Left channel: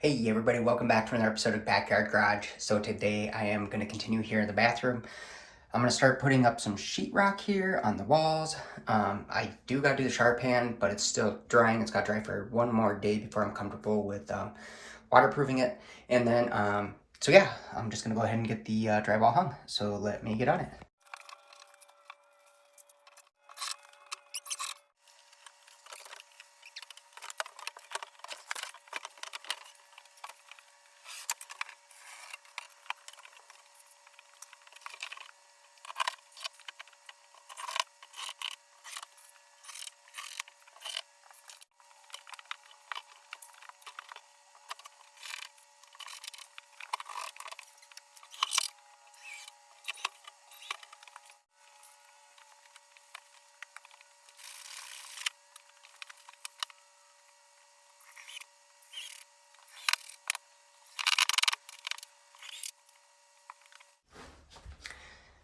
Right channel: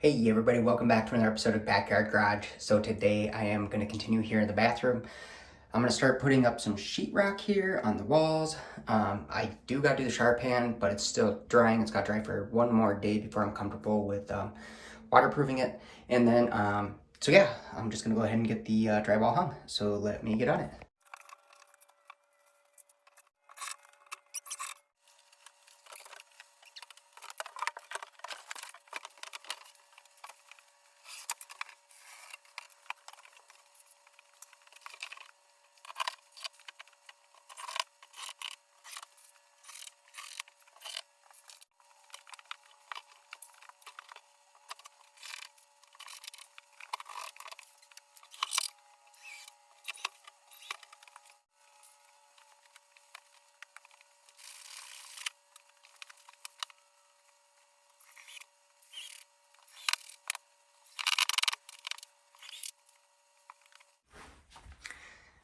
Hey everybody, welcome back to another episode of Backyard Garage. So today I am going to continue here in the bathroom. I'm going to start putting up some sheetrock here on the walls. I do got to do the shower pan, but it's still drying. It's got to dry for one more day before I'm comfortable with waterproofing it. And then, so yeah, I'm just going to go ahead and get the drywall hung. So let me get on it.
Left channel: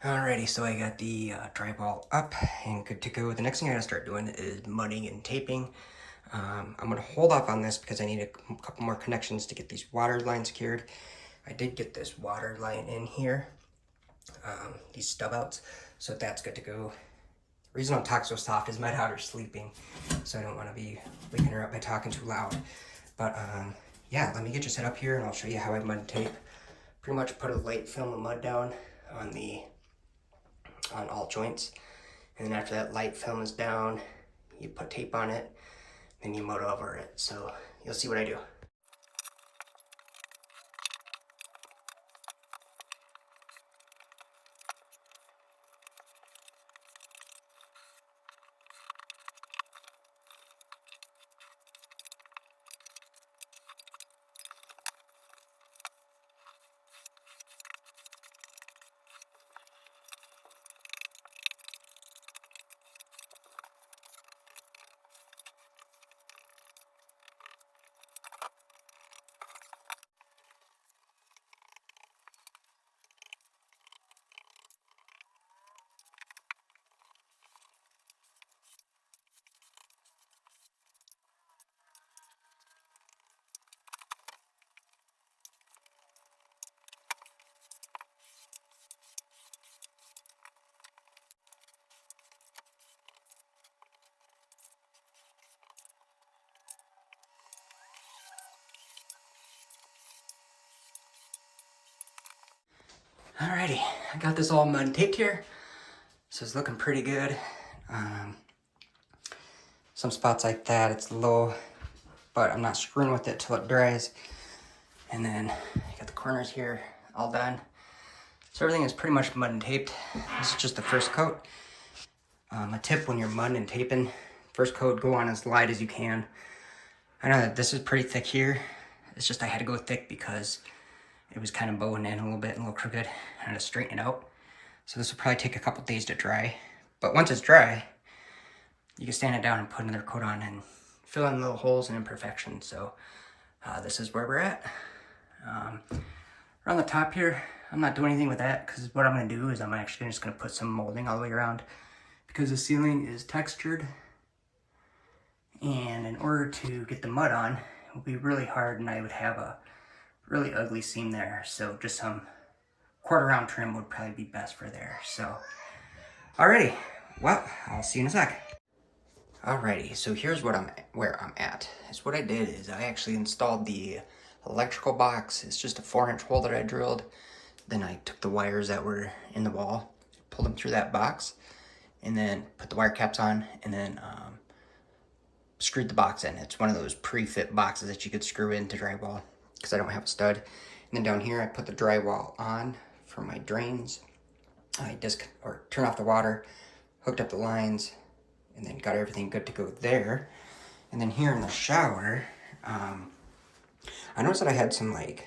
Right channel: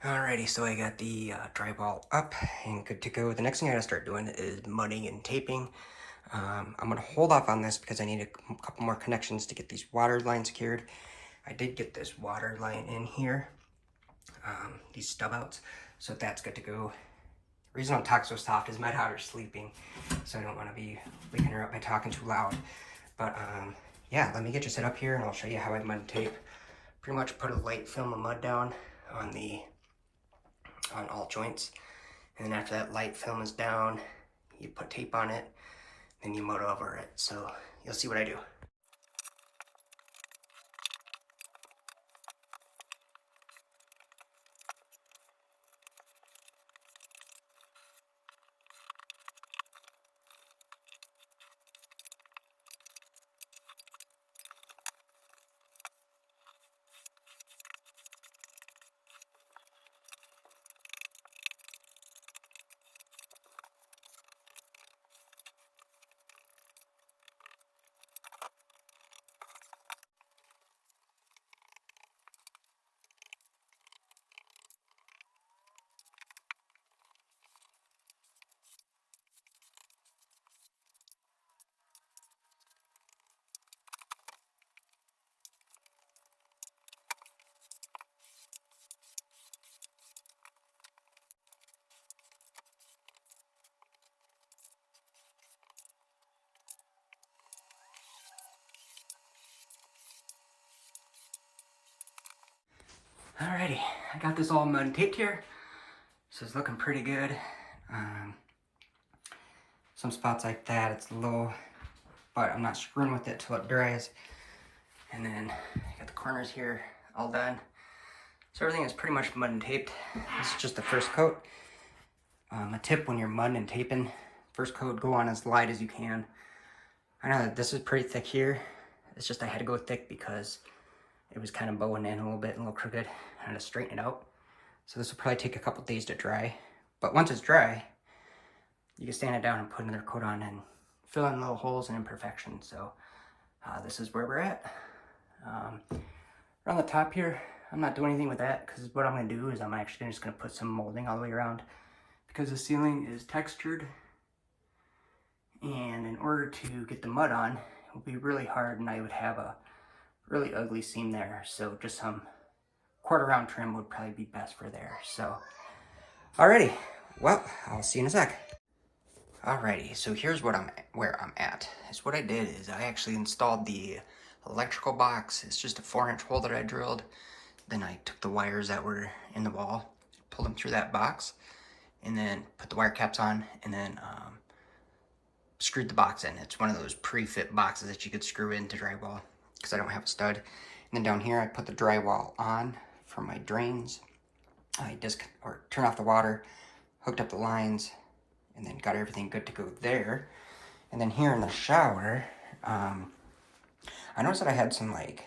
Alrighty, so I got the drywall up and good to go. The next thing I gotta start doing is mudding and taping. I'm gonna hold off on this because I need a couple more connections to get these water lines secured. I did get this water line in here, these stub outs, so that's good to go. The reason I'm talking so soft is my daughter's sleeping, so I don't want to be waking her up by talking too loud. But yeah, let me get you set up here and I'll show you how I mud tape. Pretty much put a light film of mud down on all joints, and then after that light film is down, you put tape on it, then you mud over it. So you'll see what I do. Alrighty, I got this all mud taped here, so it's looking pretty good. Some spots like that, it's low, but I'm not screwing with it till it dries. And then I got the corners here all done. So everything is pretty much mud and taped. This is just the first coat. A tip when you're mudding and taping, first coat, go on as light as you can. I know that this is pretty thick here. It's just I had to go thick because it was kind of bowing in a little bit and a little crooked. I had to straighten it out. So this will probably take a couple days to dry. But once it's dry, you can stand it down and put another coat on and fill in little holes and imperfections. So this is where we're at. Around the top here, I'm not doing anything with that because what I'm going to do is I'm actually just going to put some molding all the way around because the ceiling is textured. And in order to get the mud on, it would be really hard and I would have a really ugly seam there. So just some quarter round trim would probably be best for there. So, alrighty, well, I'll see you in a sec. Alrighty, so here's where I'm at. So what I did is I actually installed the electrical box. It's just a 4-inch hole that I drilled. Then I took the wires that were in the wall, pulled them through that box, and then put the wire caps on, and then screwed the box in. It's one of those pre-fit boxes that you could screw into drywall because I don't have a stud. And then down here, I put the drywall on for my drains. I turned off the water, hooked up the lines, and then got everything good to go there. And then here in the shower, I noticed that I had some like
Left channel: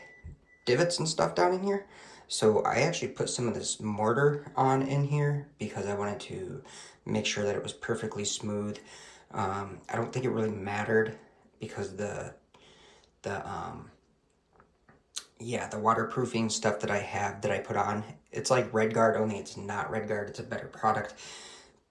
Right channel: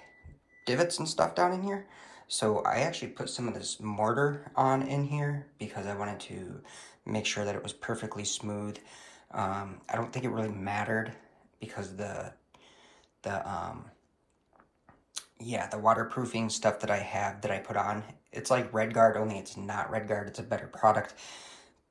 divots and stuff down in here. So I actually put some of this mortar on in here because I wanted to make sure that it was perfectly smooth. I don't think it really mattered because the waterproofing stuff that I put on, it's like Red Guard, only it's not Red Guard, it's a better product.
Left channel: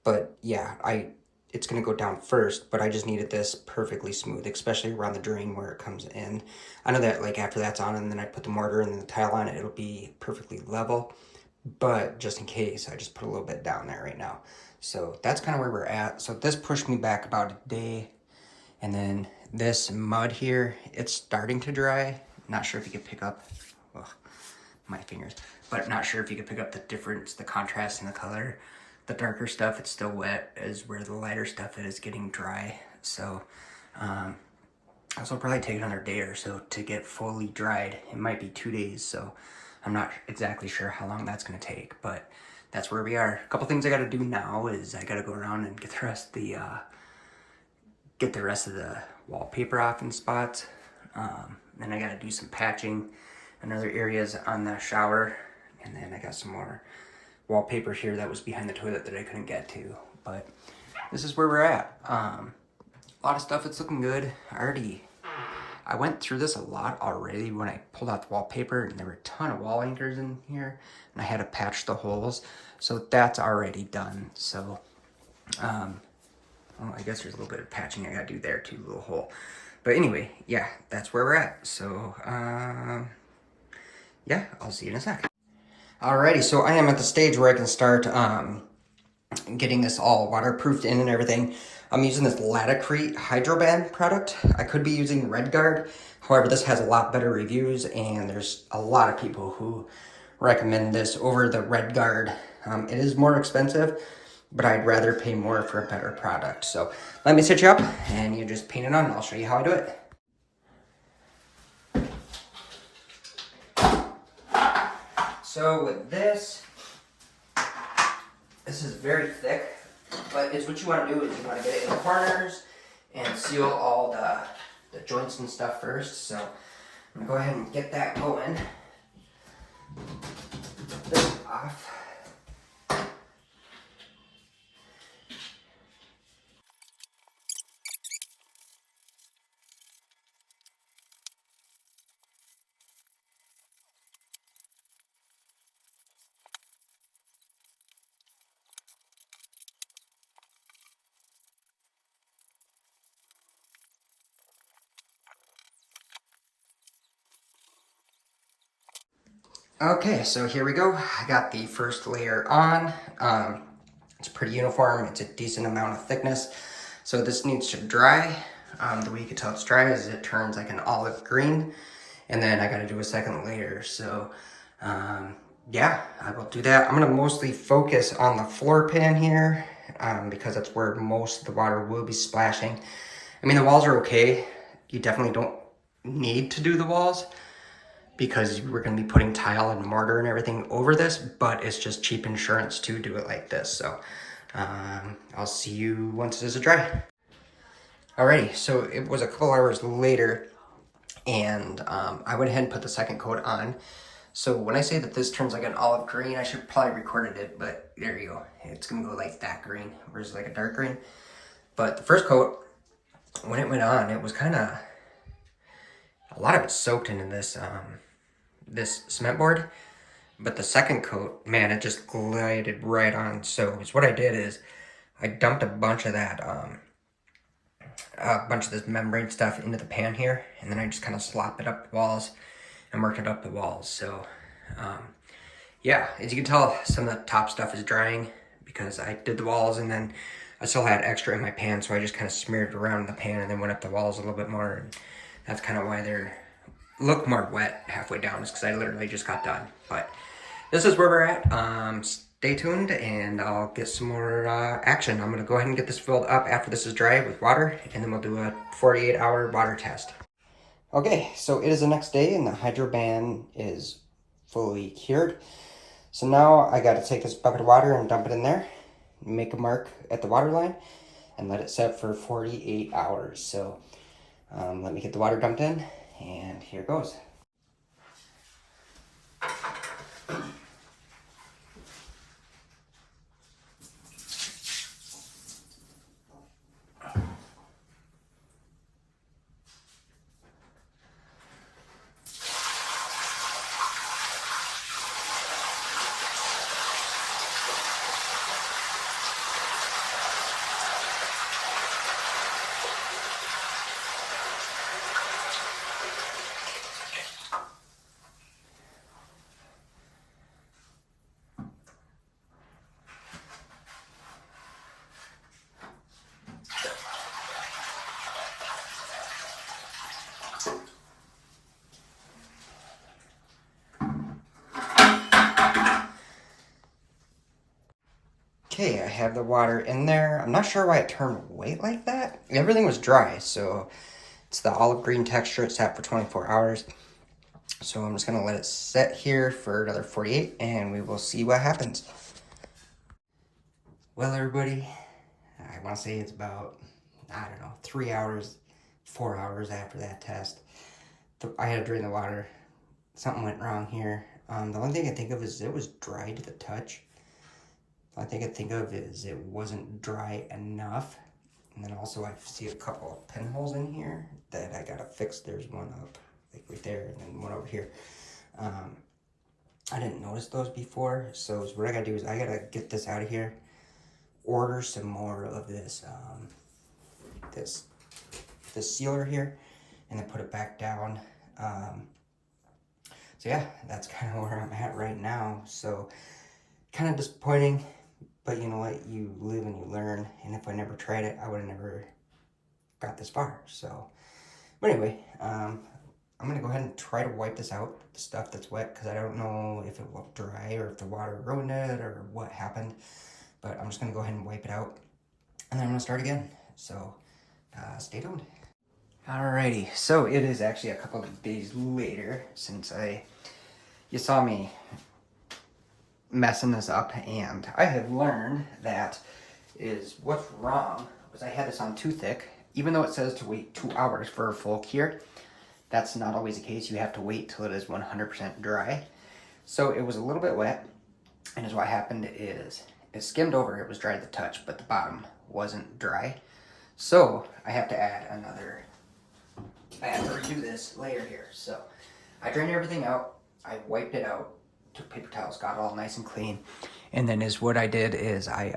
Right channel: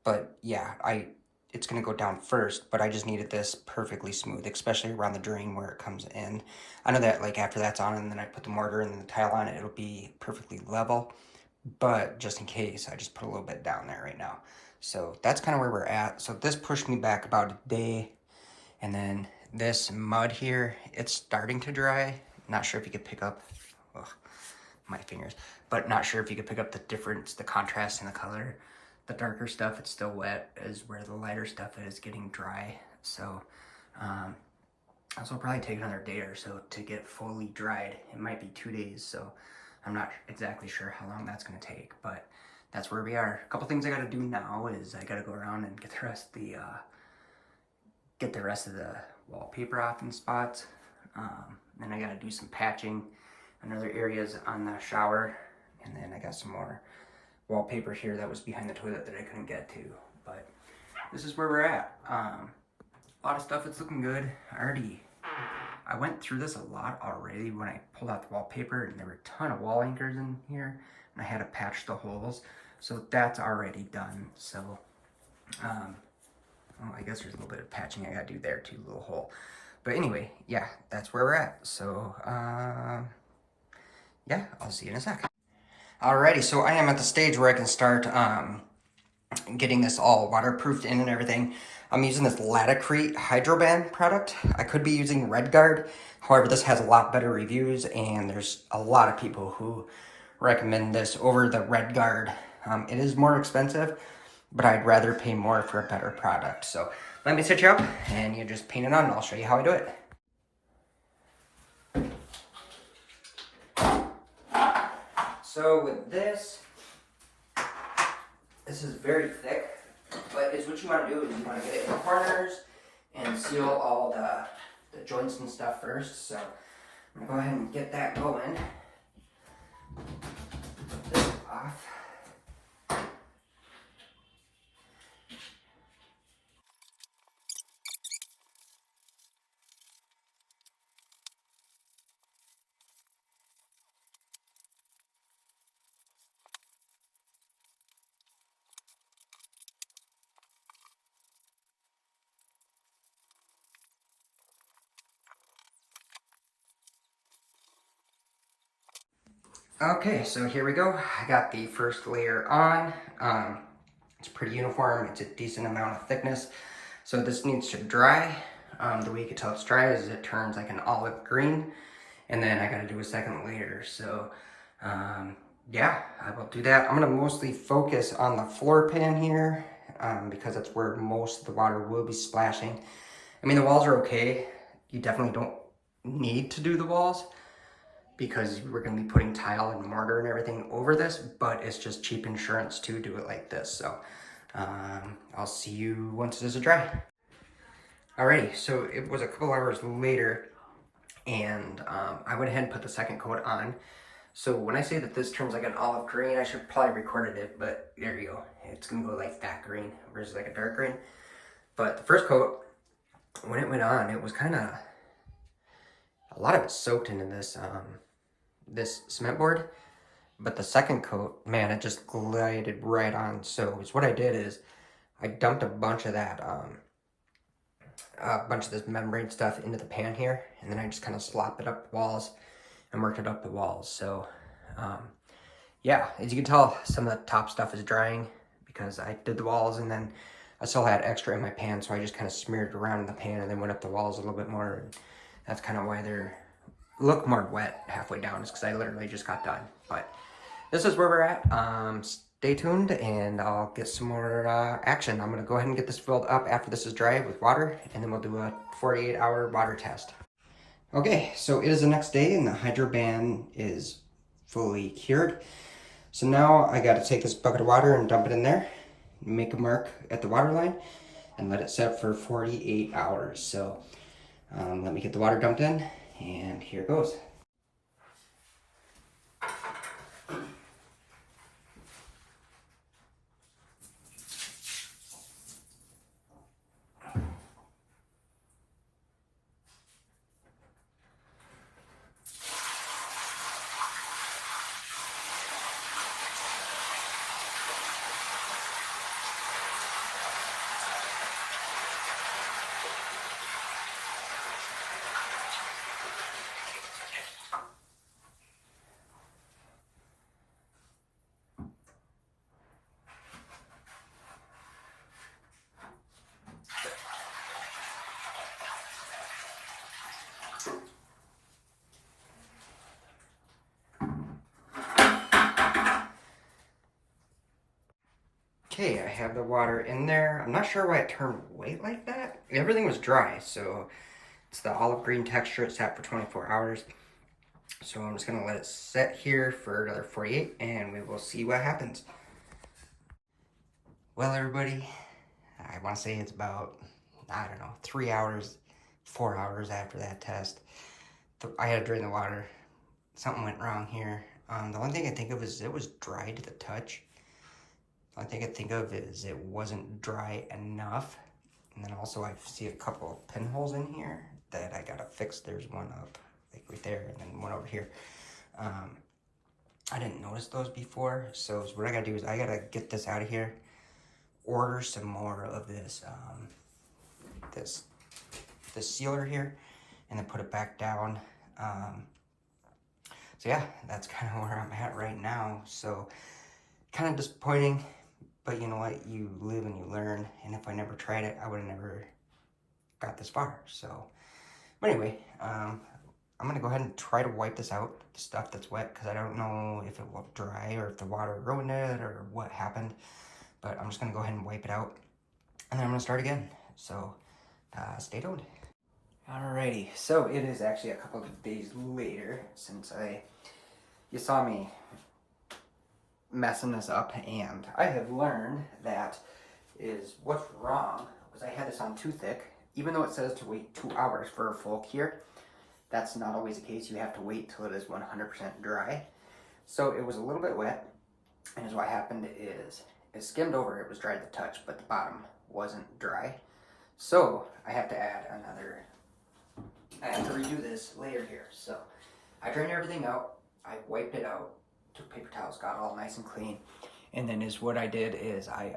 But yeah, I it's going to go down first, but I just needed this perfectly smooth, especially around the drain where it comes in. I know that like after that's on and then I put the mortar and then the tile on it, it'll be perfectly level. But just in case, I just put a little bit down there right now. So that's kind of where we're at. So this pushed me back about a day. And then this mud here, it's starting to dry. Not sure if you could pick up, oh, my fingers, but not sure if you could pick up the difference, the contrast in the color. The darker stuff, it's still wet, is where the lighter stuff is getting dry. So this will probably take another day or so to get fully dried. It might be 2 days, so I'm not exactly sure how long that's gonna take, but that's where we are. A couple things I gotta do now is I gotta go around and get the rest of the wallpaper off in spots. Then I gotta do some patching in other areas on the shower, and then I got some more wallpaper here that was behind the toilet that I couldn't get to. But this is where we're at. A lot of stuff, it's looking good. I went through this a lot already when I pulled out the wallpaper, and there were a ton of wall anchors in here, and I had to patch the holes. So that's already done. So, well, I guess there's a little bit of patching I gotta do there too, a little hole. But anyway, yeah, that's where we're at. So, yeah, I'll see you in a sec. Alrighty, so I am at the stage where I can start getting this all waterproofed in and everything. I'm using this Latacrete Hydroban product. I could be using RedGuard. However, this has a lot better reviews, and there's a lot of people who recommend this over the RedGuard. It is more expensive, but I'd rather pay more for a better product. So let me set you up, and you just paint it on, and I'll show you how I do it. So with this is very thick, but is what you want to do is you want to get it in the corners and seal all the joints and stuff first. So I'm gonna go ahead and get that going. This off. Okay, so here we go. I got the first layer on. It's pretty uniform. It's a decent amount of thickness. So this needs to dry. The way you can tell it's dry is it turns like an olive green. And then I gotta do a second layer. So yeah, I will do that. I'm gonna mostly focus on the floor pan here because that's where most of the water will be splashing. I mean, the walls are okay. You definitely don't need to do the walls, because we're going to be putting tile and mortar and everything over this, but it's just cheap insurance to do it like this. So I'll see you once this is dry. Alrighty, so it was a couple hours later, and I went ahead and put the second coat on. So when I say that this turns like an olive green, I should probably recorded it, but there you go. It's going to go like that green versus like a dark green. But the first coat, when it went on, it was kind of, a lot of it soaked into this this cement board, but the second coat, man, it just glided right on. So what I did is I dumped a bunch of that this membrane stuff into the pan here, and then I just kind of slopped it up the walls and worked it up the walls. So yeah, as you can tell, some of the top stuff is drying because I did the walls, and then I still had extra in my pan, so I just kind of smeared it around in the pan and then went up the walls a little bit more. And that's kind of why they're look more wet halfway down, is because I literally just got done. But this is where we're at. Stay tuned, and I'll get some more action. I'm gonna go ahead and get this filled up after this is dry with water, and then we'll do a 48-hour water test. Okay, so it is the next day, and the Hydroban is fully cured. So now I gotta take this bucket of water and dump it in there, make a mark at the water line, and let it set for 48 hours. So let me get the water dumped in, and here goes. Okay, I have the water in there. I'm not sure why it turned white like that. Everything was dry, so it's the olive green texture. It sat for 24 hours. So I'm just gonna let it set here for another 48 and we will see what happens. Well, everybody, I wanna say it's about, I don't know, 3 hours, 4 hours after that test. I had to drain the water. Something went wrong here. The only thing I think of is it was dry to the touch. The only thing I think of is it wasn't dry enough. And then also I see a couple of pinholes in here that I gotta fix. There's one up like right there and then one over here. I didn't notice those before. So what I gotta do is I gotta get this out of here, order some more of this, this sealer here, and then put it back down. So yeah, that's kind of where I'm at right now. So kind of disappointing. But you know what, you live and you learn, and if I never tried it, I would have never got this far. So, but anyway, I'm gonna go ahead and try to wipe this out, the stuff that's wet, because I don't know if it will dry or if the water ruined it or what happened. But I'm just gonna go ahead and wipe it out, and then I'm gonna start again. So, stay tuned. Alrighty, so it is actually a couple of days later since you saw me messing this up, and I have learned that what's wrong was I had this on too thick. Even though it says to wait 2 hours for a full cure, that's not always the case. You have to wait till it is 100% dry. So it was a little bit wet, and what happened is it skimmed over. It was dry to the touch, but the bottom wasn't dry. So I have to redo this layer here. So I drained everything out. I wiped it out. Took paper towels, got it all nice and clean, and then what I did is I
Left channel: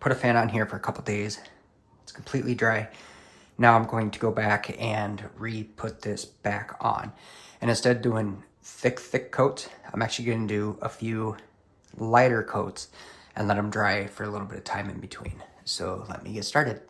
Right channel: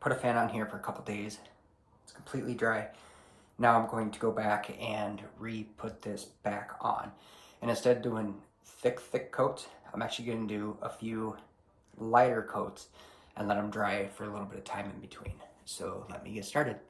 put a fan on here for a couple days. It's completely dry. Now I'm going to go back and re-put this back on, and instead of doing thick coats, I'm actually going to do a few lighter coats and let them dry for a little bit of time in between. So let me get started.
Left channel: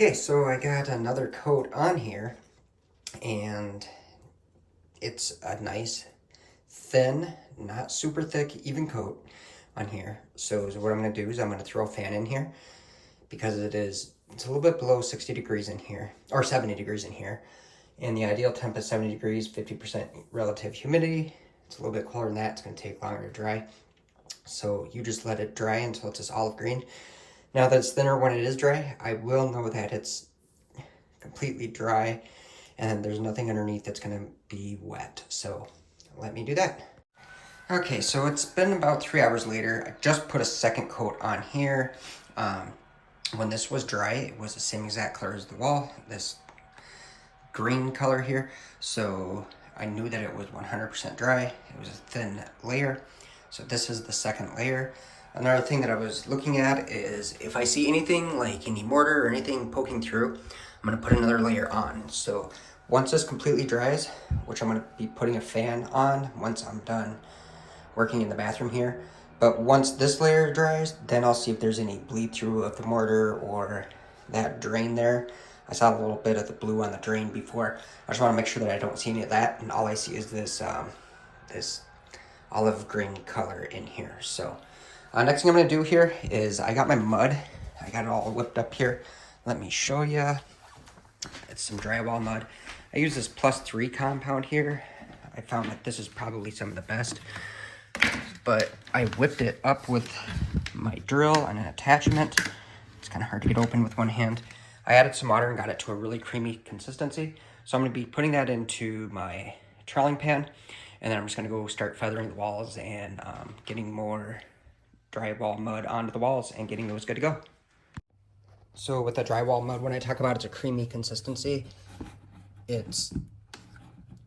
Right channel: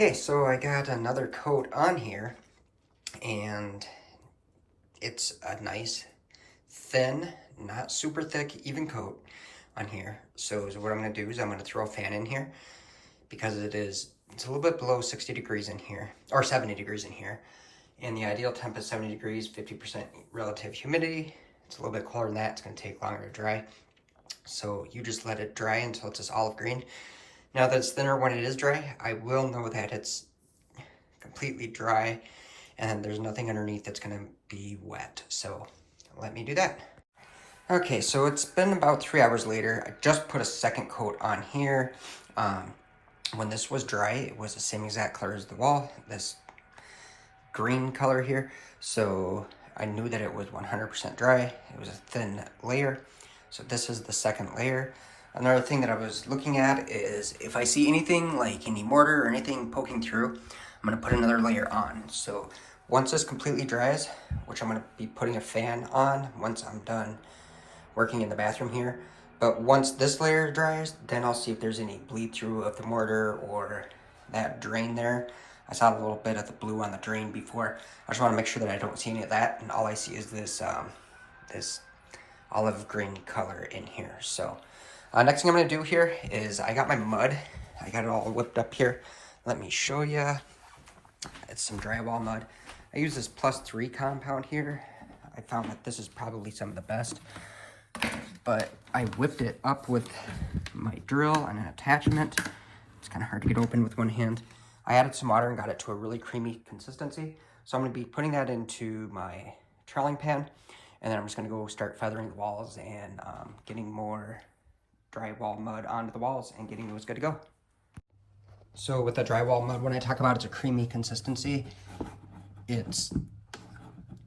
Okay, so I got another coat on here, and it's a nice, thin, not super thick, even coat on here. So what I'm gonna do is I'm gonna throw a fan in here because it's a little bit below 60 degrees in here, or 70 degrees in here. And the ideal temp is 70 degrees, 50% relative humidity. It's a little bit cooler than that. It's gonna take longer to dry. So you just let it dry until it's this olive green. Now that it's thinner when it is dry, I will know that it's completely dry and there's nothing underneath that's gonna be wet. So let me do that. Okay, so it's been about 3 hours later. I just put a second coat on here. When this was dry, it was the same exact color as the wall, this green color here. So I knew that it was 100% dry. It was a thin layer. So this is the second layer. Another thing that I was looking at is if I see anything like any mortar or anything poking through, I'm gonna put another layer on. So once this completely dries, which I'm gonna be putting a fan on once I'm done working in the bathroom here. But once this layer dries, then I'll see if there's any bleed through of the mortar or that drain there. I saw a little bit of the blue on the drain before. I just wanna make sure that I don't see any of that, and all I see is this, this olive green color in here. So next thing I'm gonna do here is I got my mud. I got it all whipped up here. Let me show you. It's some drywall mud. I use this +3 compound here. I found that this is probably some of the best, but I whipped it up with my drill and an attachment. It's kind of hard to get open with one hand. I added some water and got it to a really creamy consistency. So I'm gonna be putting that into my troweling pan, and then I'm just gonna go start feathering the walls and getting more drywall mud onto the walls and getting those good to go. So with the drywall mud, when I talk about it's a creamy consistency, it's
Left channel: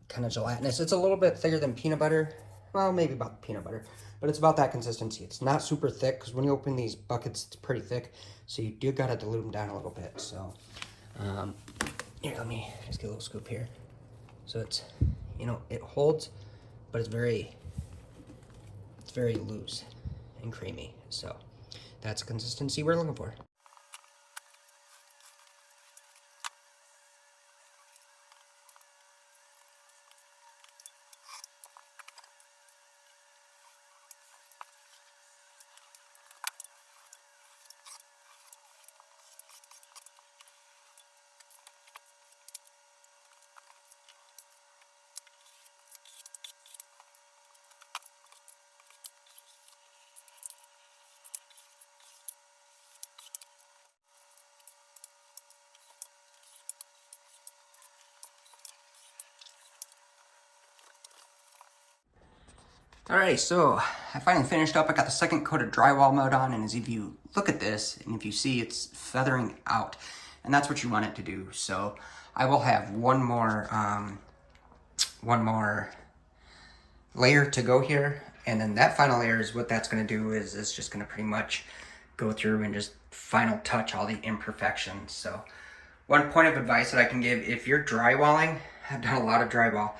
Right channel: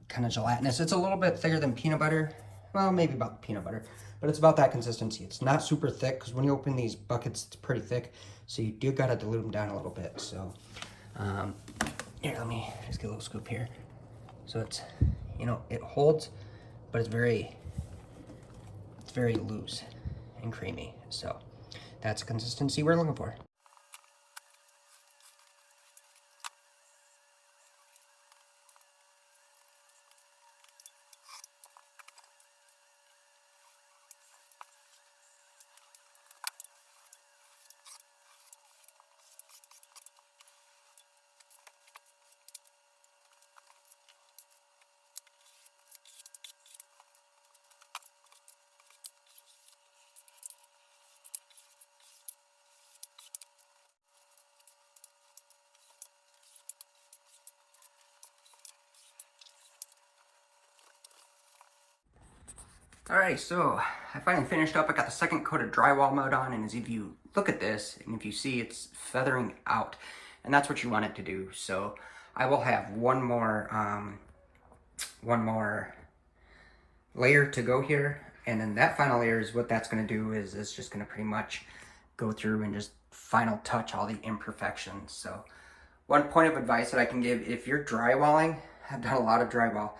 kind of gelatinous. It's a little bit thicker than peanut butter. Well, maybe about peanut butter, but it's about that consistency. It's not super thick because when you open these buckets, it's pretty thick. So you do gotta dilute them down a little bit. So Here, let me just get a little scoop here. So it's, you know, it holds, but it's very loose and creamy. So that's the consistency we're looking for. Alright, so I finally finished up. I got the second coat of drywall mud on, and as if you look at this, and if you see, it's feathering out, and that's what you want it to do. So I will have one more layer to go here, and then that final layer is what that's going to do. Is it's just going to pretty much go through and just final touch all the imperfections. So one point of advice that I can give, if you're drywalling, I've done a lot of drywall,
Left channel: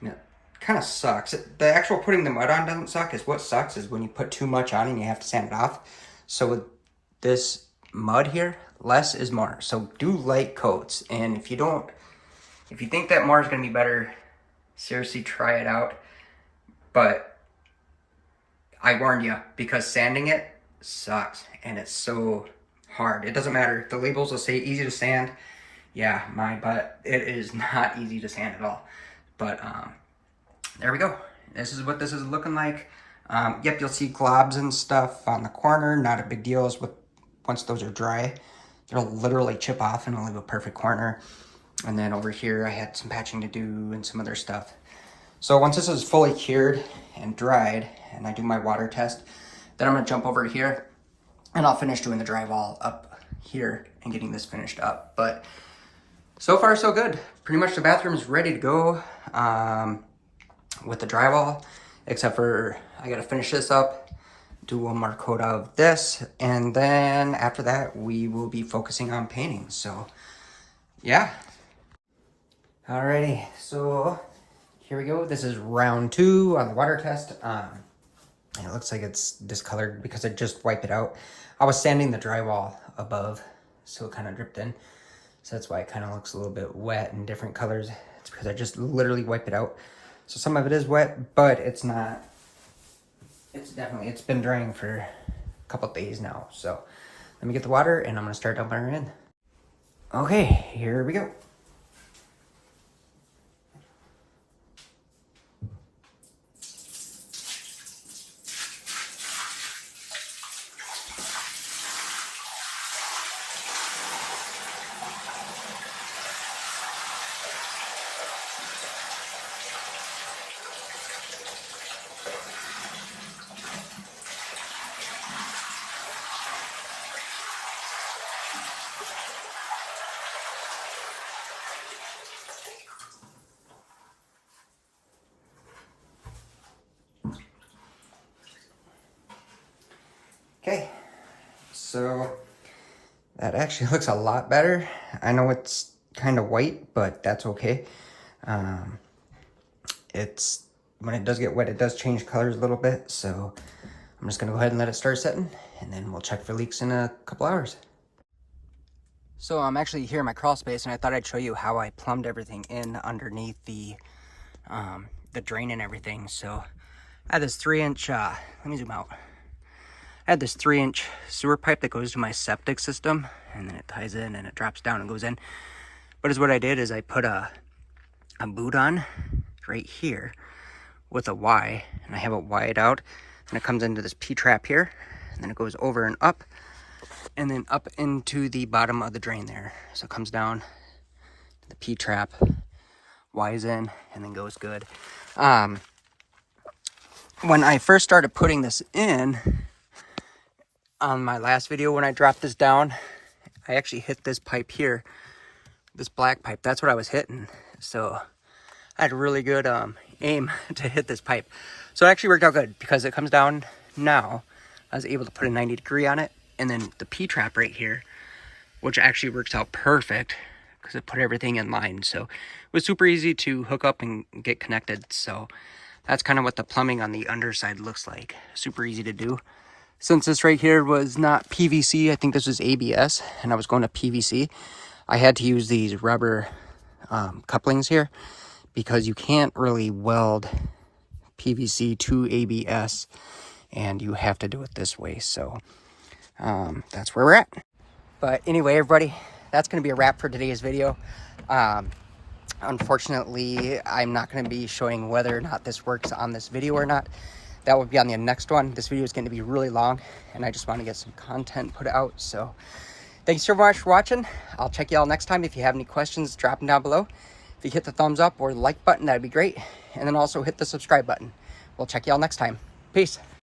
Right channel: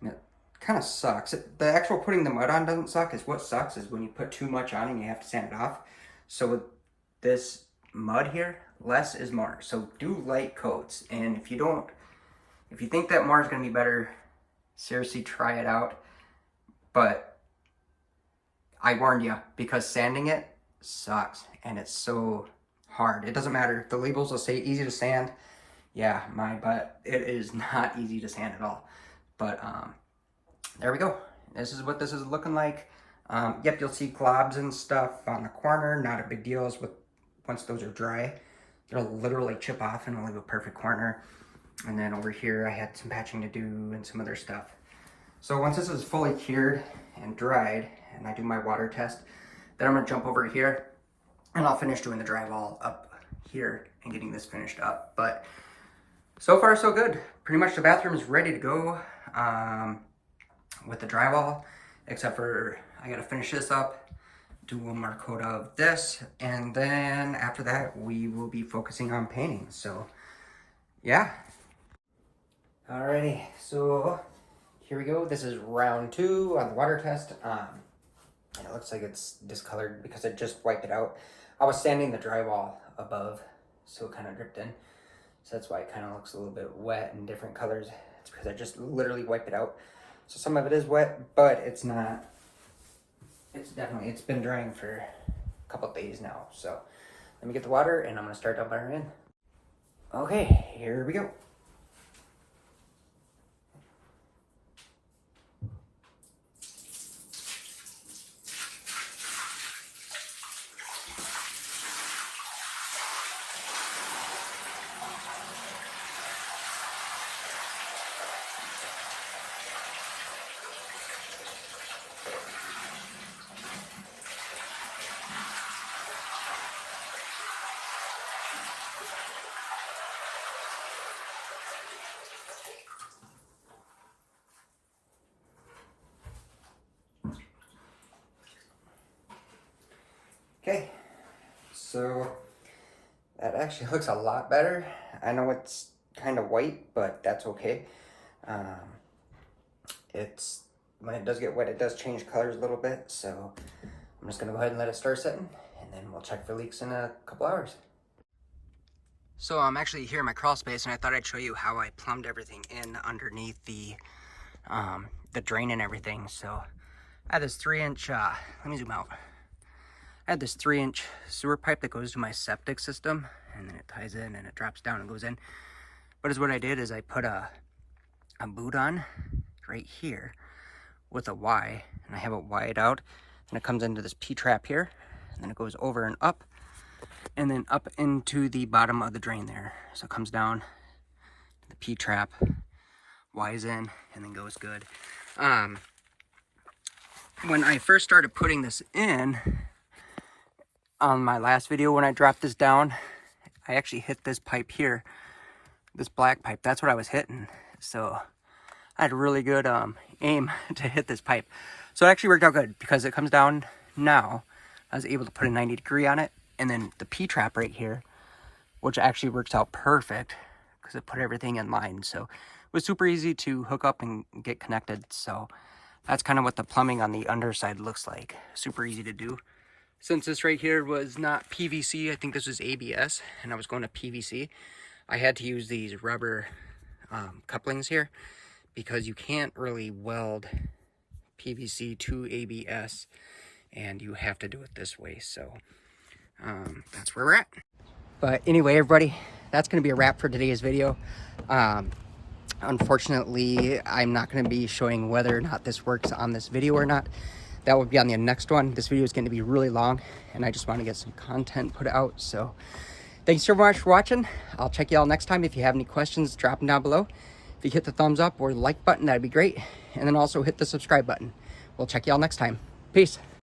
and it kind of sucks. The actual putting the mud on doesn't suck. What sucks is when you put too much on and you have to sand it off. So with this mud here, less is more. So do light coats, and if you think that more is going to be better, seriously try it out. But I warned you, because sanding it sucks, and it's so hard. It doesn't matter. The labels will say easy to sand. Yeah, my butt, it is not easy to sand at all. But there we go. This is what this is looking like. Yep, you'll see globs and stuff on the corner. Not a big deal. Once those are dry, they'll literally chip off and it'll leave a perfect corner. And then over here, I had some patching to do and some other stuff. So once this is fully cured and dried, and I do my water test, then I'm gonna jump over here and I'll finish doing the drywall up here and getting this finished up. But so far, so good. Pretty much the bathroom is ready to go with the drywall, except for I gotta finish this up, do one more coat of this, and then after that, we will be focusing on painting. So yeah. Alrighty, so here we go. This is round 2 on the water test. It looks like it's discolored because I just wiped it out. I was sanding the drywall above, so it kind of dripped in. So that's why it kind of looks a little bit wet and different colors. It's because I just literally wiped it out. So some of it is wet, but it's not. It's been drying for a couple of days now. So let me get the water and I'm gonna start dumping her in. Okay, here we go. Okay, so that actually looks a lot better. I know it's kind of white, but that's okay. When it does get wet, it does change colors a little bit. So I'm just gonna go ahead and let it start setting, and then we'll check for leaks in a couple hours. So I'm actually here in my crawl space, and I thought I'd show you how I plumbed everything in underneath the drain and everything. So I had this 3-inch, let me zoom out. I had this 3-inch sewer pipe that goes to my septic system, and then it ties in and it drops down and goes in. But what I did is I put a boot on right here with a Y, and I have it wired out, and it comes into this P-trap here, and then it goes over and up into the bottom of the drain there. So it comes down, the P-trap, Y's in, and then goes good. When I first started putting this in, on my last video when I dropped this down, I actually hit this pipe here, this black pipe. That's what I was hitting. So I had a really good aim to hit this pipe. So it actually worked out good because it comes down now. I was able to put a 90 degree on it. And then the P-trap right here, which actually works out perfect because it put everything in line. So it was super easy to hook up and get connected. So that's kind of what the plumbing on the underside looks like. Super easy to do. Since this right here was not PVC, I think this was ABS, and I was going to PVC, I had to use these rubber couplings here because you can't really weld PVC to ABS, and you have to do it this way. So that's where we're at. But anyway, everybody, that's going to be a wrap for today's video. Unfortunately, I'm not going to be showing whether or not this works on this video or not. That will be on the next one. This video is going to be really long, and I just want to get some content put out. So thanks so much for watching. I'll check you all next time. If you have any questions, drop them down below. If you hit the thumbs up or the like button, that'd be great. And then also hit the subscribe button. We'll check you all next time. Peace.